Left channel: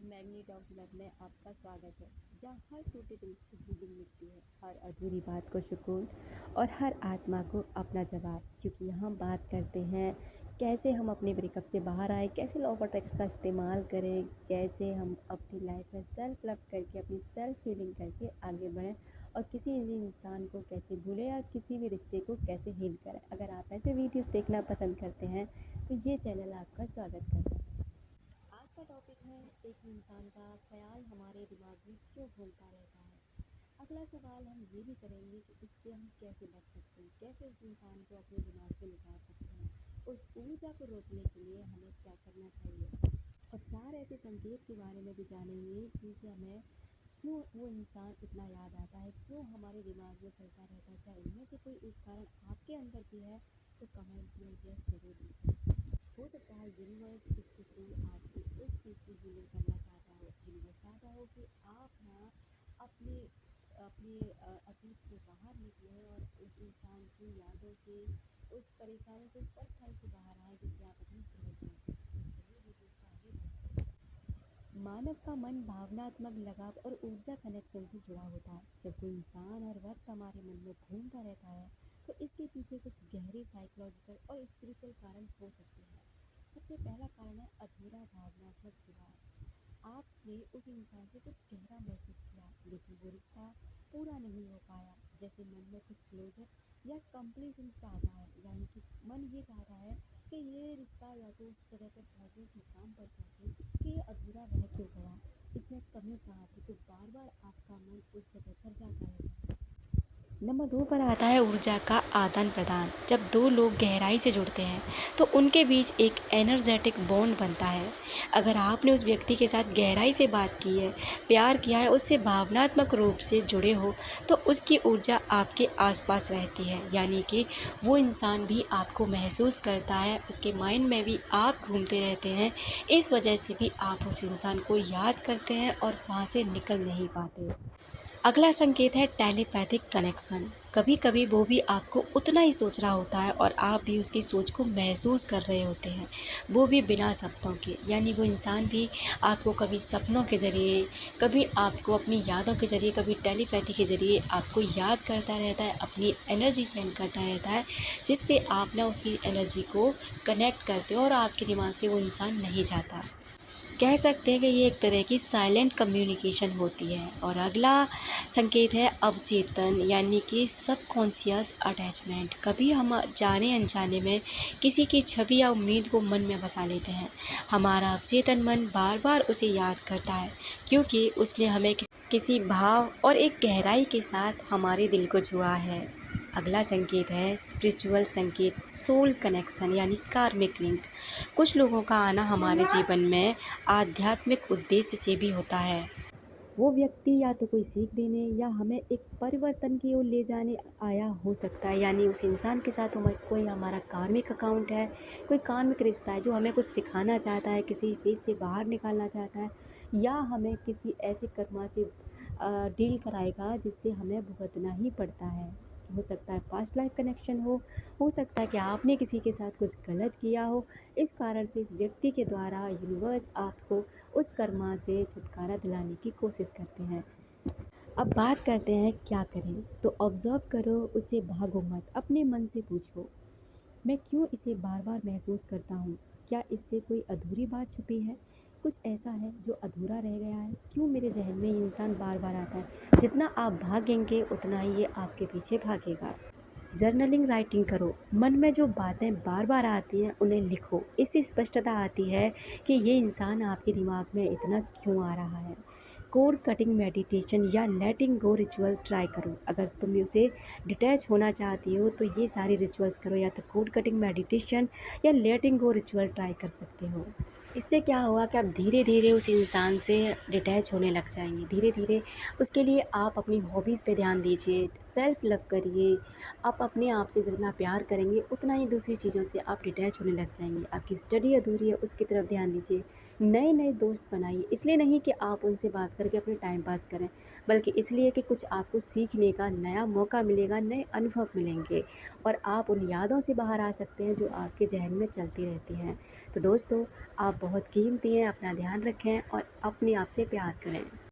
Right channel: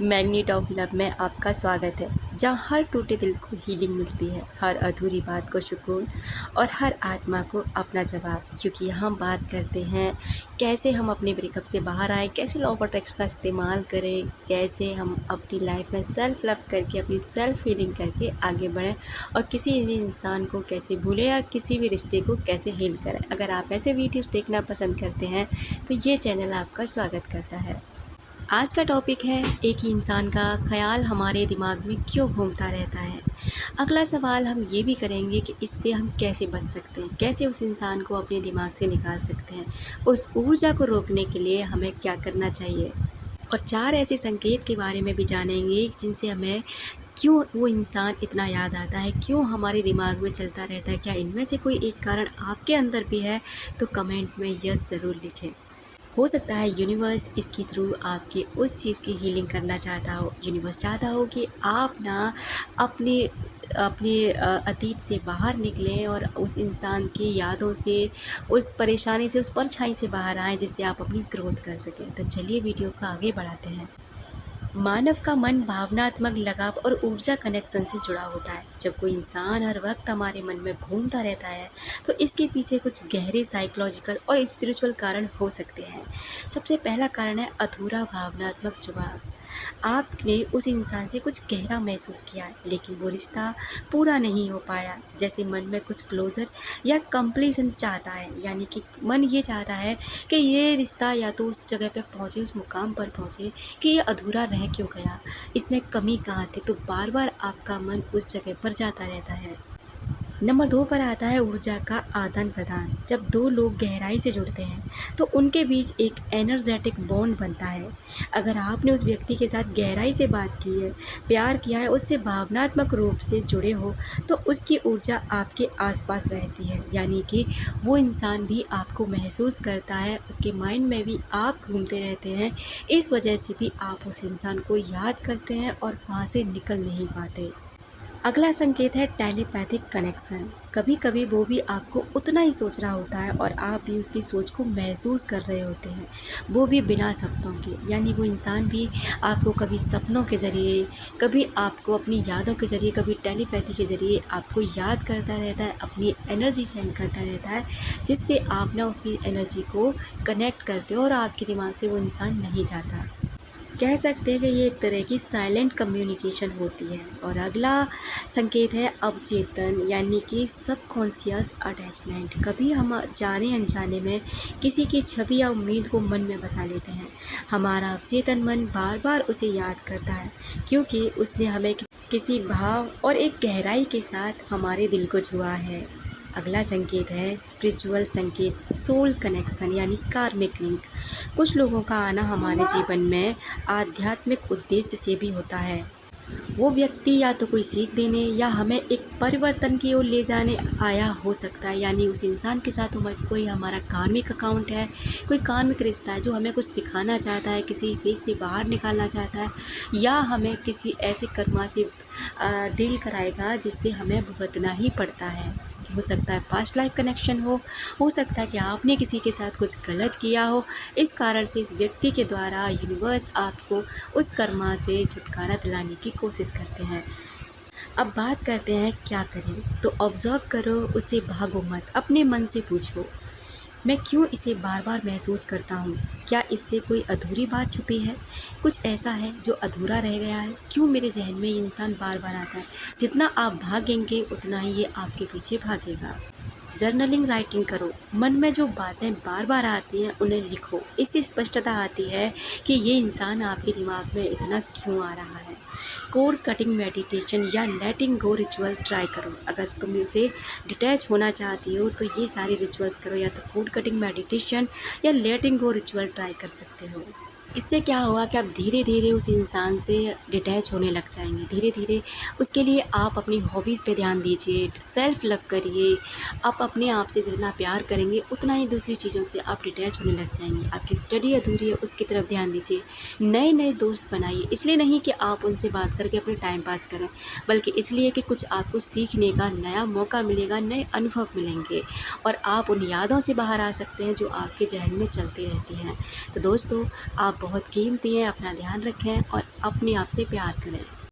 Magnet of love में आपका स्वागत है, जहाँ हर टूटे दिल को हीलिंग मिलती है, हर अधूरी बात को सुकून और हर आत्मा को अपना जवाब। क्योंकि यहाँ बात करते हैं कैसे हम अपने ब्रेकअप से बाहर आएँ, कैसे लॉ ऑफ अट्रैक्शन का इस्तेमाल करें, कैसे हम अपनी लाइफ में सेल्फ लव करके अपनी सेल्फ हीलिंग करके आगे बढ़ें और किसी भी इंसान को कैसे भूलें या किसी भी रिश्ते को कैसे हील करें। अगर आप ऐसे वीडियोज़ देखना पसंद करते हैं तो ये चैनल आपका स्वागत करता है। आज का टॉपिक है एक ही इंसान का ख्याल हमारे दिमाग में क्यों घूमता रहता है। अगला सवाल हम ये भी करेंगे कि इससे हम कैसे बच सकते हैं, कैसे उस इंसान को अपने दिमाग से निकाल सकते हैं, उस ऊर्जा को रोकने के लिए हमें क्या करना चाहिए। और 4 ऐसे संकेत के बारे में भी जानेंगे जिनसे हमें क्यों वो इंसान इतना याद आता है, क्यों हमारे दिमाग में चलता रहता है। क्या इनमें से कोई एक कारण आपके अंदर भी है? तो कमेंट में यस ज़रूर लिखें। हो सकता है यूनिवर्स इसके थ्रू आपके उस चीज़ की हीलिंग करना चाहता हो। यूनिवर्स चाहता हो कि आप ना अपने अपने अतीत से बाहर निकलें और उस इंसान की यादों से, उस परेशानी से, उस परछाई से बाहर आएँ, जिससे आप अपनी ग्रोथ कर सकें। तो चलिए वीडियो को आगे बढ़ाते हैं। मानव का मन भावनात्मक लगाव और ऊर्जा कनेक्शन से जुड़ा होता है। जब कोई इंसान हर वक्त हमारे मन में घूमता रहता है तो इसके पीछे कुछ गहरे साइकोलॉजिकल और स्पिरिचुअल कारण हो सकते हैं। सबसे पहला कारण है अधूरा भावनात्मक जुड़ाव। आपने उस इंसान से कुछ गहरा महसूस किया लेकिन वो रिश्ता पूरा नहीं हो पाया। जैसे मन में कुछ क्लोजर या कंप्लीशन चाहता है, यानी कि मन ये चाहता है कि ये रिश्ता या तो उस जगह पे पहुँचे, उस मुकाम पर पहुँचे कि ये अधूरा रह क्यों गया, इसमें कमी कहाँ थी। तो बार बार आपका मन उस जगह पर जाता रहता है। नंबर 2 पर आता है ऊर्जा का आदान प्रदान। जब दो लोग गहराई से जुड़ते हैं तो उनके बीच एक एनर्जेटिक बॉन्ड बनता है। अगर आपने उस व्यक्ति के साथ गहराई से बात की है, प्यार किया है, उससे भावनात्मक रूप से जुड़े हो, तो उसकी ऊर्जा आपके आसपास रहती है, यानी कि वो इंसान भी आपको महसूस करता है, उसके माइंड में भी आप घूमते रहते हैं। इस वजह से भी आप उस इंसान को याद करते हैं और वहाँ से निकल नहीं पाते। अगला संकेत है टेलीपैथिक कनेक्शन। कभी कभी वो भी आपको उतना ही सोच रहा होता है और आप भी उसकी सोच को महसूस कर रहे होते हैं, वो भी बिना शब्दों के। यानी वो इंसान भी आपको कभी सपनों के ज़रिए, कभी आपको अपनी यादों के ज़रिए, कभी टेलीपैथी के ज़रिए आपको याद करता रहता है, अपनी एनर्जी सेंड करता रहता है, जिससे आप ना उसकी एनर्जी को कनेक्ट करते हो और आपके दिमाग से वो इंसान नहीं जाता। कह सकते हैं कि ये एक तरह की साइलेंट कम्युनिकेशन होती है। और अगला संकेत है अवचेतन, यानी कि सबकॉन्शियस अटैचमेंट। कभी हम जाने अनजाने में किसी की छवि या उम्मीद को मन में बसा लेते हैं। हमारा अवचेतन मन बार बार उसे याद करता है क्योंकि उसने हमें किसी भाव और एक गहराई के साथ हमारे दिल को छुआ है। अगला संकेत है स्पिरिचुअल संकेत, सोल कनेक्शन, यानी कार्मिक लिंक। कुछ लोगों का आना हमारे जीवन में आध्यात्मिक उद्देश्य से भी होता है। वो व्यक्ति या तो कोई सीख देने या हमें एक परिवर्तन की ओर ले जाने आया हो सकता है। यानी उस इंसान के साथ हमारा कोई हमारा कार्मिक अकाउंट है, कोई कार्मिक रिश्ता है जो हमें कुछ सिखाना चाहता है, किसी फेज से बाहर निकालना चाहता है, या हमें किसी ऐसे कर्मा से डील कराएगा जिससे हमें भुगतना ही पड़ता है। हो सकता है पास्ट लाइफ कनेक्शन हो सकता है कि आपने किसी के साथ कुछ गलत किया हो। इस कारण से इस व्यक्ति के द्वारा यूनिवर्स आपको उस कर्मा से छुटकारा दिलाने की कोशिश करते हैं। अब बात करते हैं क्या करें। तो ऑब्ज़र्व करो, उससे भागो मत। अपने मन से पूछो, मैं क्यों इसे बार बार महसूस करता हूँ? क्या इससे कोई अधूरी बात छुपी है? कुछ ऐसा है जो अधूरा रह गया है? क्यों मेरे जहन में ये इंसान बार बार आता है? जितना आप भागेंगे उतना ही ये आपके पीछे भागेगा। जर्नलिंग, राइटिंग करो। मन में जो बातें बार बार आती हैं उन्हें लिखो। इससे स्पष्टता आती है कि ये इंसान आपके दिमाग में इतना क्यों आ रहा है। कोड कटिंग मेडिटेशन या लेटिंग गो रिचुअल ट्राई करो। अगर तुम उसे डिटैच होना चाहती हो तो ये सारे रिचुअल्स करो, या तो कोड कटिंग मेडिटेशन या लेटिंग गो रिचुअल ट्राई कर सकते हो। इससे क्या होगा कि आप धीरे धीरे उस इंसान से डिटैच होने लग जाएंगे। धीरे धीरे उसके लिए आप अपनी हॉबीज़ पे ध्यान दीजिए, सेल्फ लव करिए। आप अपने आप से जितना प्यार करेंगे उतना ही दूसरी चीज़ों से आप डिटैच होने लग जाएंगे। आपकी स्टडी अधूरी है, उसकी तरफ ध्यान दीजिए। नए नए दोस्त बनाइए, इसलिए नहीं कि आप उनसे बात करके अपने टाइम पास करें, बल्कि इसलिए कि कुछ आपको सीखने का नया मौका मिलेगा, नए अनुभव मिलेंगे और आप उन यादों से बाहर आ सकते हैं जो आपके जहन में चलती रहती हैं। तो दोस्तों, आप आप बहुत कीमती हैं। अपना ध्यान रखें और अपने आप से प्यार करें।